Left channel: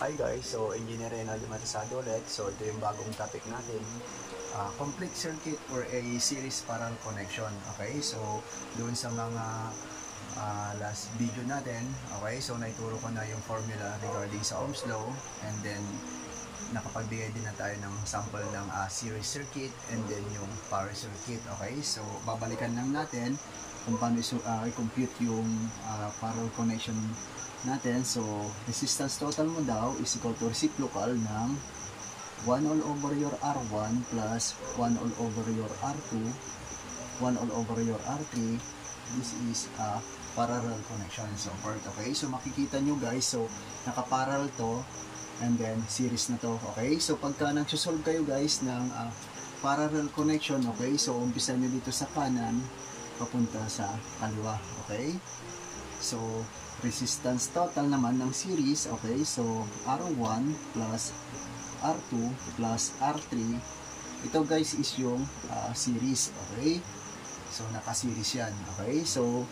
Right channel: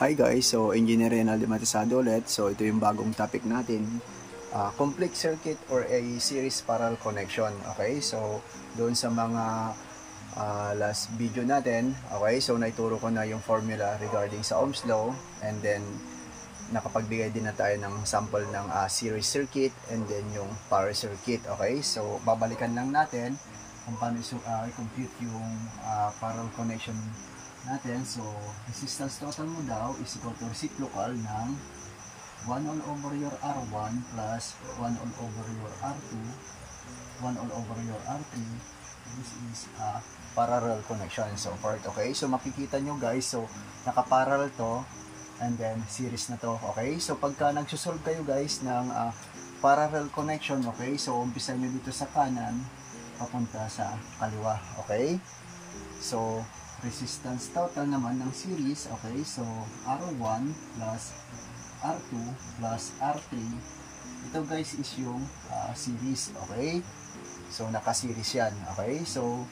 Hi guys, so Engineer Renaldo Matisado ulit. So ito yung bagong topic natin, complete circuit or a series parallel connection. Okay, so doon sa mga last video natin, okay, so naituro ko na yung formula regarding sa Ohm's law, and then nakapagbigay din na tayo ng sample ng series circuit and then yung parallel circuit. Okay, so babalikan lang natin kung paano i-compute yung parallel connection natin. So resistance total mo daw is equal to reciprocal ng 1 all over your R1 plus 1 all over your R2, 1 all over your R3. This is a parallel connection, so forth. Okay, so makikita nyo guys, so nakaparallel to and then series na to. Okay, so pagka nagsusolve kayo guys ng parallel connection, okay, so umpisa nyo dito sa kanan papunta sa kaliwa. Okay, so resistance total naman ng series, okay, so R1 plus R2 plus R3, ito guys is yung series. Okay, so naka-series yan. Okay, so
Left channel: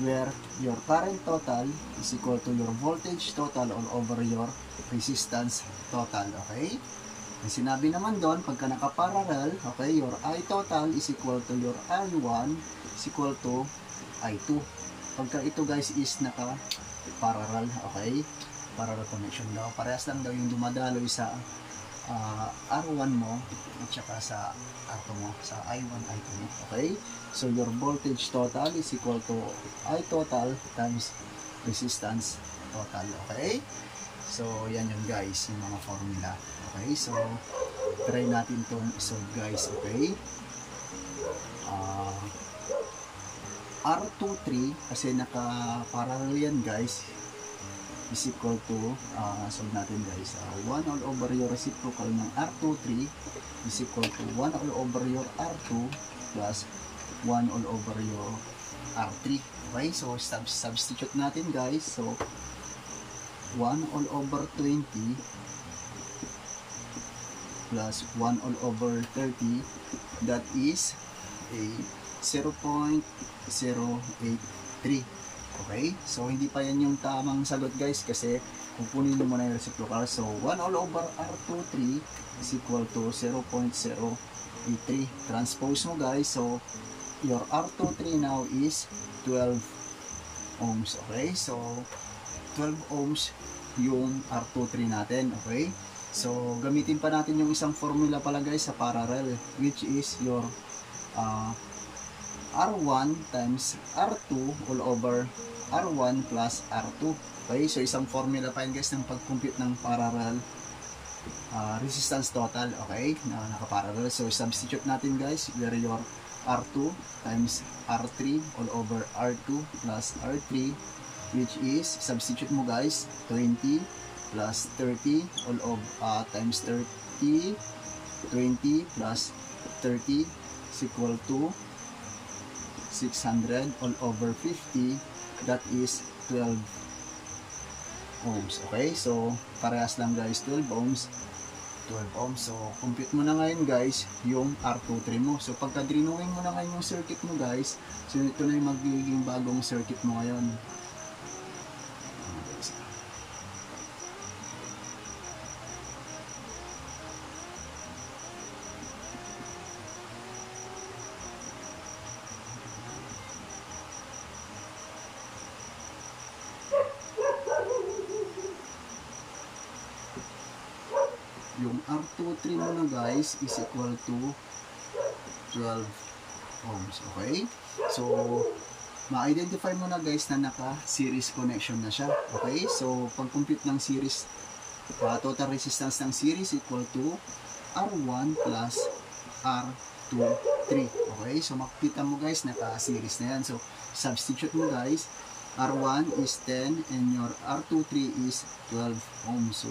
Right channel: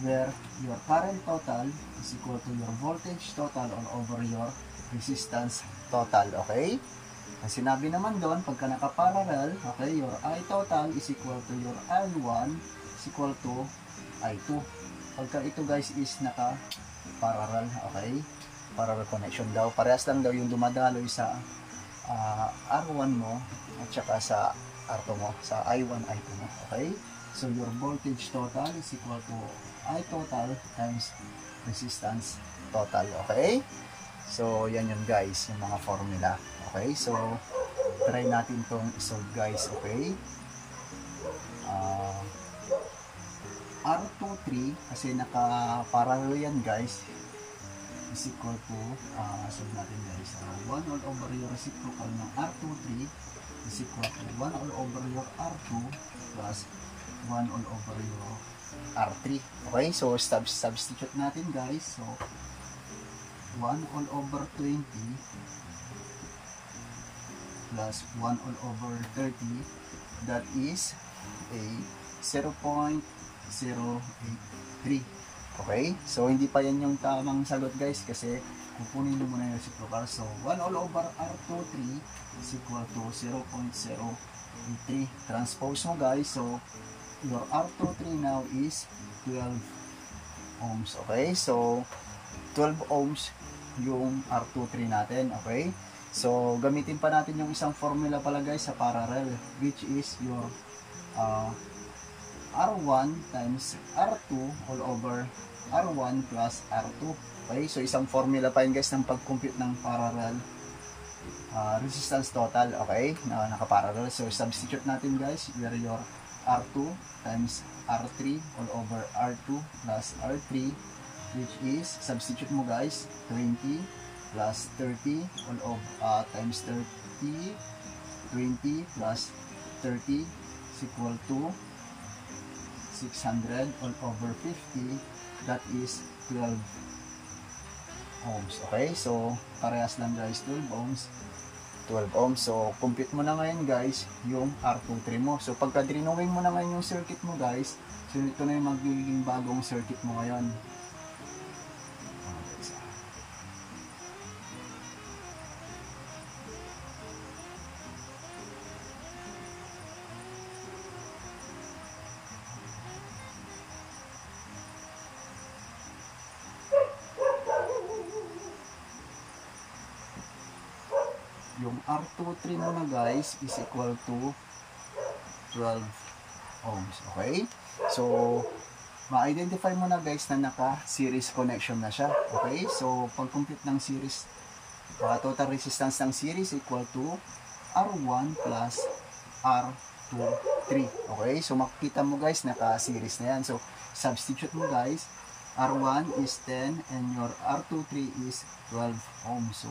where your current total is equal to your voltage total all over your resistance total. Okay, ang sinabi naman doon, pagka naka-parallel, okay, your I total is equal to your I1 is equal to I2. Pagka ito guys is naka parallel, okay, parallel connection daw, parehas lang daw yung dumadaloy sa R1 mo at saka sa R2 mo, sa I1, I2 mo. Okay, so your voltage total is equal to I total times resistance total. Okay, so yan yun guys, yung mga formula. Okay, so try natin tong isolve guys. Okay, R23 kasi naka-parallel yan guys is equal to solve natin guys, 1 all over your reciprocal ng R23 is equal to 1 all over your R2 plus 1 all over your R3. Okay, so substitute natin guys, so 1 all over 20 plus 1 all over 30, that is a 0.083. Okay, so hindi pa yan yung tamang sagot guys kasi kukunin mo muna yung reciprocal. So 1 all over R23 is equal to 0.083. Transpose mo guys, so your R23 now is 12 ohms. Okay, so 12 ohms yung R23 natin. Okay, so gamitin pa natin yung isang formula pala guys sa parallel, which is your R1 times R2 all over R1 plus R2. Okay, so isang formula pa yun guys ng pag-compute ng parallel resistance total. Okay, na nakaparallel. So substitute natin guys, where your R2 times R3 all over R2 plus R3, which is, substitute mo guys, 20 plus 30 all over times 30, 20 plus 30 is equal to 600 all over 50, that is 12 ohms. Okay, so parehas lang guys, 12 ohms. So compute mo na ngayon guys yung R23 mo. So pagka drinungin mo na ngayon yung circuit mo guys, so ito na yung magiging bagong circuit mo ngayon. Yung R23 mo na guys is equal to 12 ohms. Okay, so ma-identify mo na guys na naka-series connection na siya. Okay, so pag-compute ng series, total resistance ng series equal to R1 plus R23. Okay, so makikita mo guys naka-series na yan. So substitute mo guys, R1 is 10 and your R23 is 12 ohms. So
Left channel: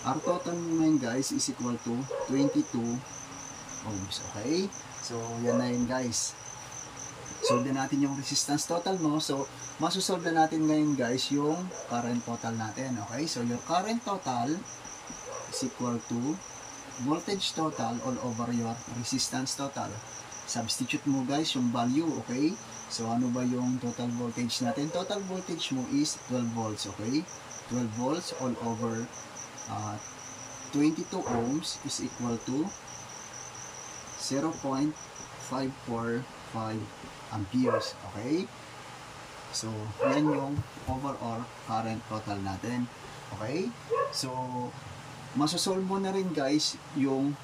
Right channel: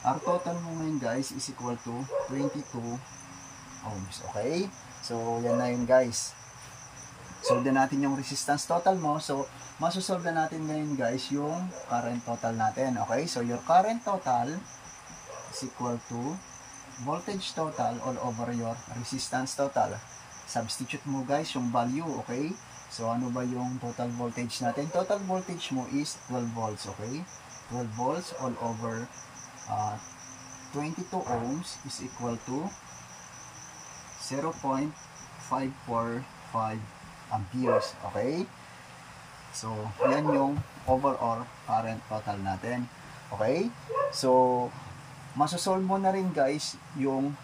R total mo ngayon guys is equal to 22 ohms. Okay, so yan na yun guys. Solve na natin yung resistance total mo. So masosolve na natin ngayon guys yung current total natin. Okay, so your current total is equal to voltage total all over your resistance total. Substitute mo guys yung value. Okay, so ano ba yung total voltage natin? Total voltage mo is 12 volts. Okay, 12 volts all over 22 ohms is equal to 0.545 amperes. Okay? So, yan yung overall current total natin. Okay? So, masosolve mo na rin guys yung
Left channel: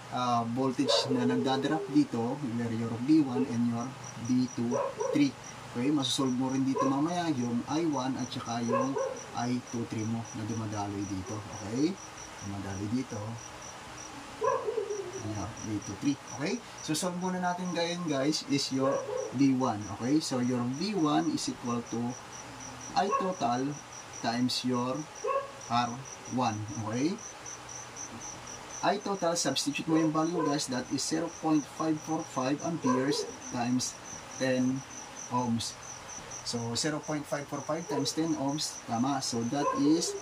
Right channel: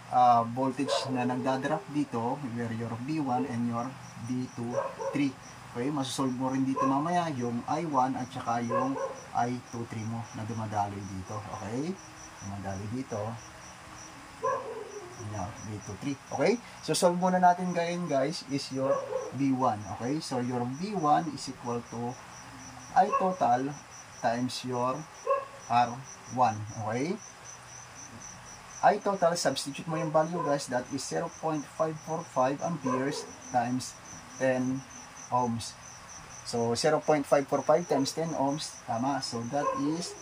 voltage na nagdadrop dito, where your V1 and your V23. Okay? Masosolve mo rin dito mamaya yung I1 at saka yung I23 mo na dumadaloy dito. Okay? Dumadaloy dito. Ayan, V23. Okay? So, solve muna natin ngayon guys is your V1. Okay? So, your V1 is equal to I total times your R1. Okay? I total, substitute mo yung value guys, that is 0.545 amperes times 10 ohms. So, 0.545 times 10 ohms, tama. So, that is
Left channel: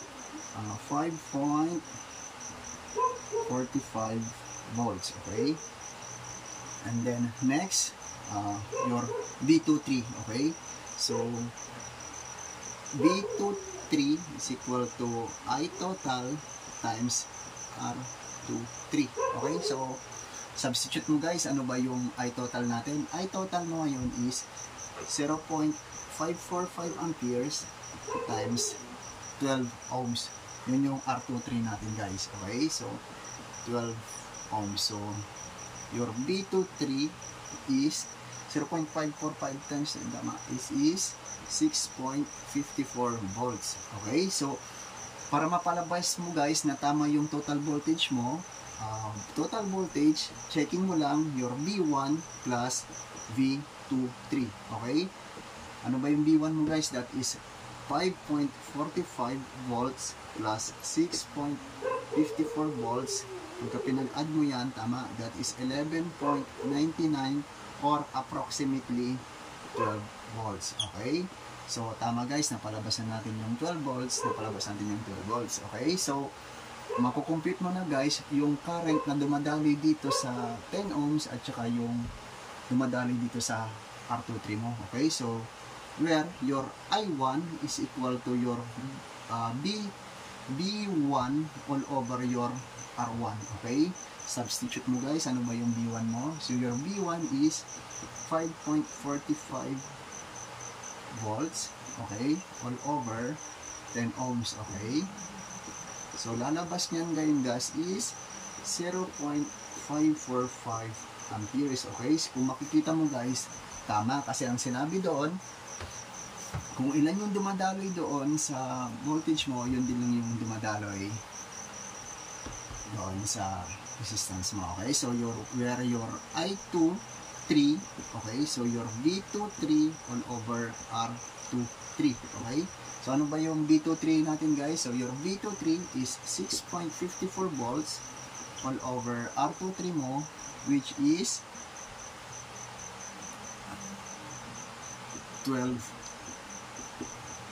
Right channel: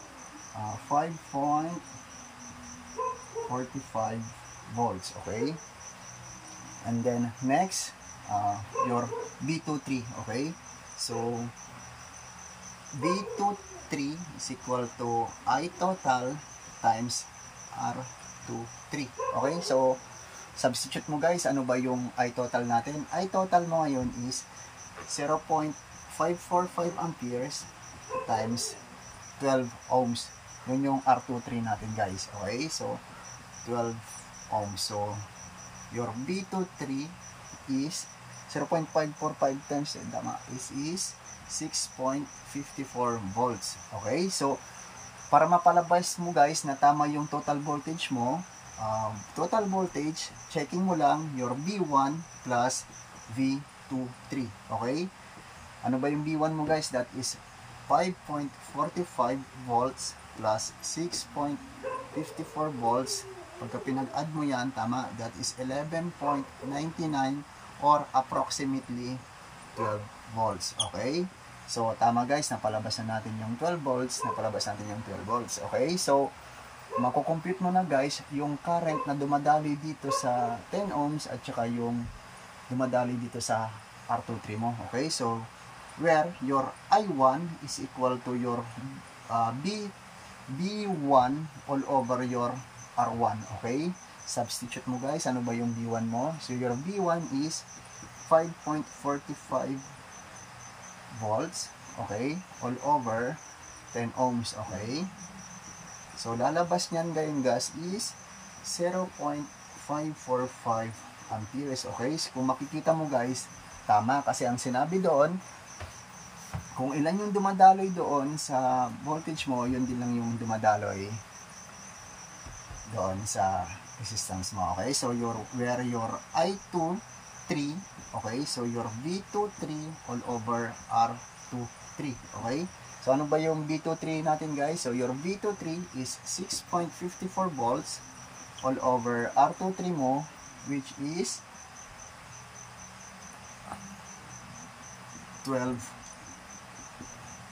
5.45 volts. Okay? And then, next, your V23. Okay? So, V23 is equal to I total times R23. Okay? So, substitute mo guys, ano ba yung I total natin? I total mo ngayon is 0.545 amperes times 12 ohms. Yun yung R23 natin guys. Okay? So, 12 ohms. So, your V23 is 0.545 times is 6.54 volts. Okay? So, para mapalabas mo guys na tama yung total voltage mo, total voltage, checking mo lang your V1 plus V23. Okay? Ano ba yung V1 mo guys? That is 5.45 volts plus 6.54 volts. Pagka pinag-add mo yan, tama, that is 11.99 or approximately 12 volts. Okay? So, tama guys, napalabas na natin yung 12 volts, napalabas natin yung 12 volts. Okay? So, makukompute mo na guys yung current na dumadaloy dito sa 10 ohms at saka yung dumadaloy dito sa R23 mo. Okay? So, where your I1 is equal to your B1 all over your R1. Okay? Substitute mo guys, ano ba yung B1 mo? So, your B1 is 5.45 volts. Okay? All over 10 ohms. Okay? So, lalabas niyan ngayon guys is 0.545 amperes. Okay? So, kung makikita mo guys, tama. Kasi ang sinabi doon, kung ilan yung dumadaloy doon sa voltage mo, yun din lang yung dumadaloy doon sa resistance mo. Okay? So, where your I23, okay? So, your V23 all over R23. Okay? So, ano ba yung V23 natin guys? So, your V23 is 6.54 volts all over R23 mo, which is 12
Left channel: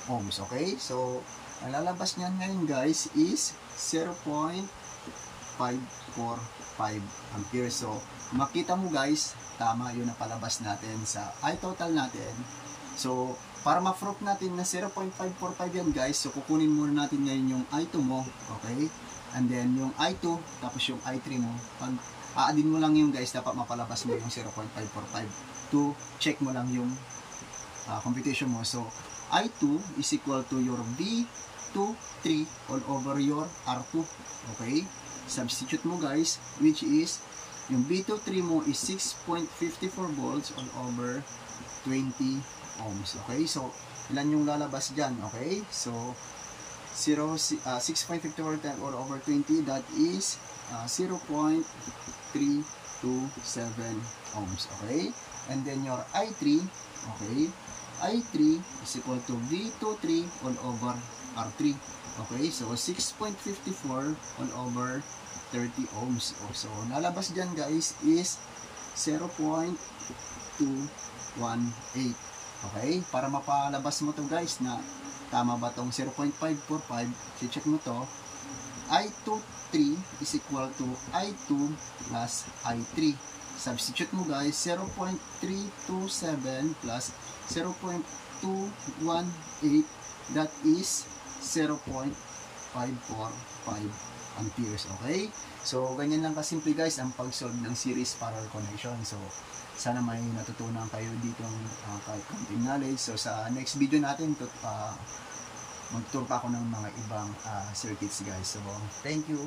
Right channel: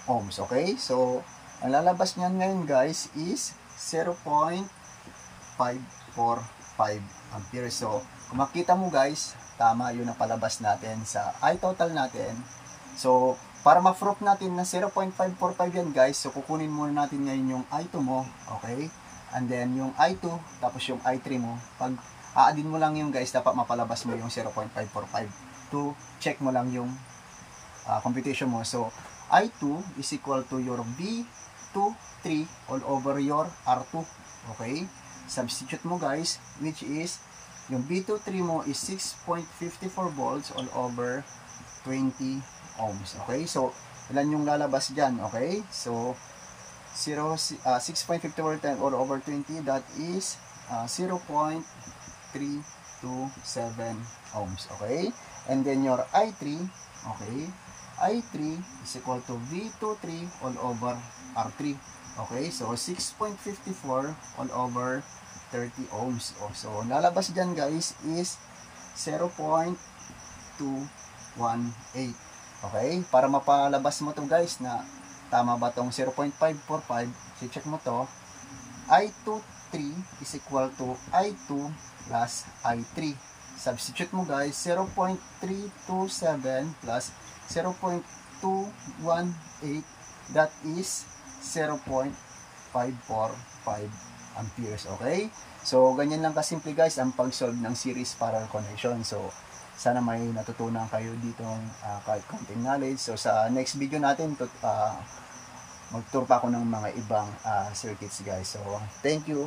ohms. Okay? So, ang lalabas niyan ngayon guys is 0.545 amperes. So, kung makita mo guys, tama yun ang palabas natin sa I total natin. So, para ma-proof natin na 0.545 yan guys, so kukunin muna natin ngayon yung I2 mo. Okay? And then yung I2, tapos yung I3 mo. Pag aadin mo lang yung guys, dapat mapalabas mo yung 0.545 to check mo lang yung computation mo. So, I2 is equal to your V23 all over your R2. Okay? Substitute mo guys, which is yung V23 mo is 6.54 volts all over 20 ohms. Okay? So, ilan yung lalabas dyan? Okay? So, 6.54 all over 20, that is 0.327 ohms. Okay? And then your I3, okay? I3 is equal to V23 all over R3. Okay, so 6.54 all over 30 ohms. So, lalabas dyan guys is 0.218. Okay, para mapalabas mo to guys na tama ba tong 0.545, check mo to. I23 is equal to I2 plus I3. Substitute mo guys, 0.327 plus 0.218, that is 0.5 amperes. Okay? So, ganyan lang kasimple guys ang pag-solve ng series parallel connection. So, sana may natutunan kayo dito kahit konting knowledge. So, sa next video natin, magturo pa ako ng mga ibang circuits guys. So, thank you.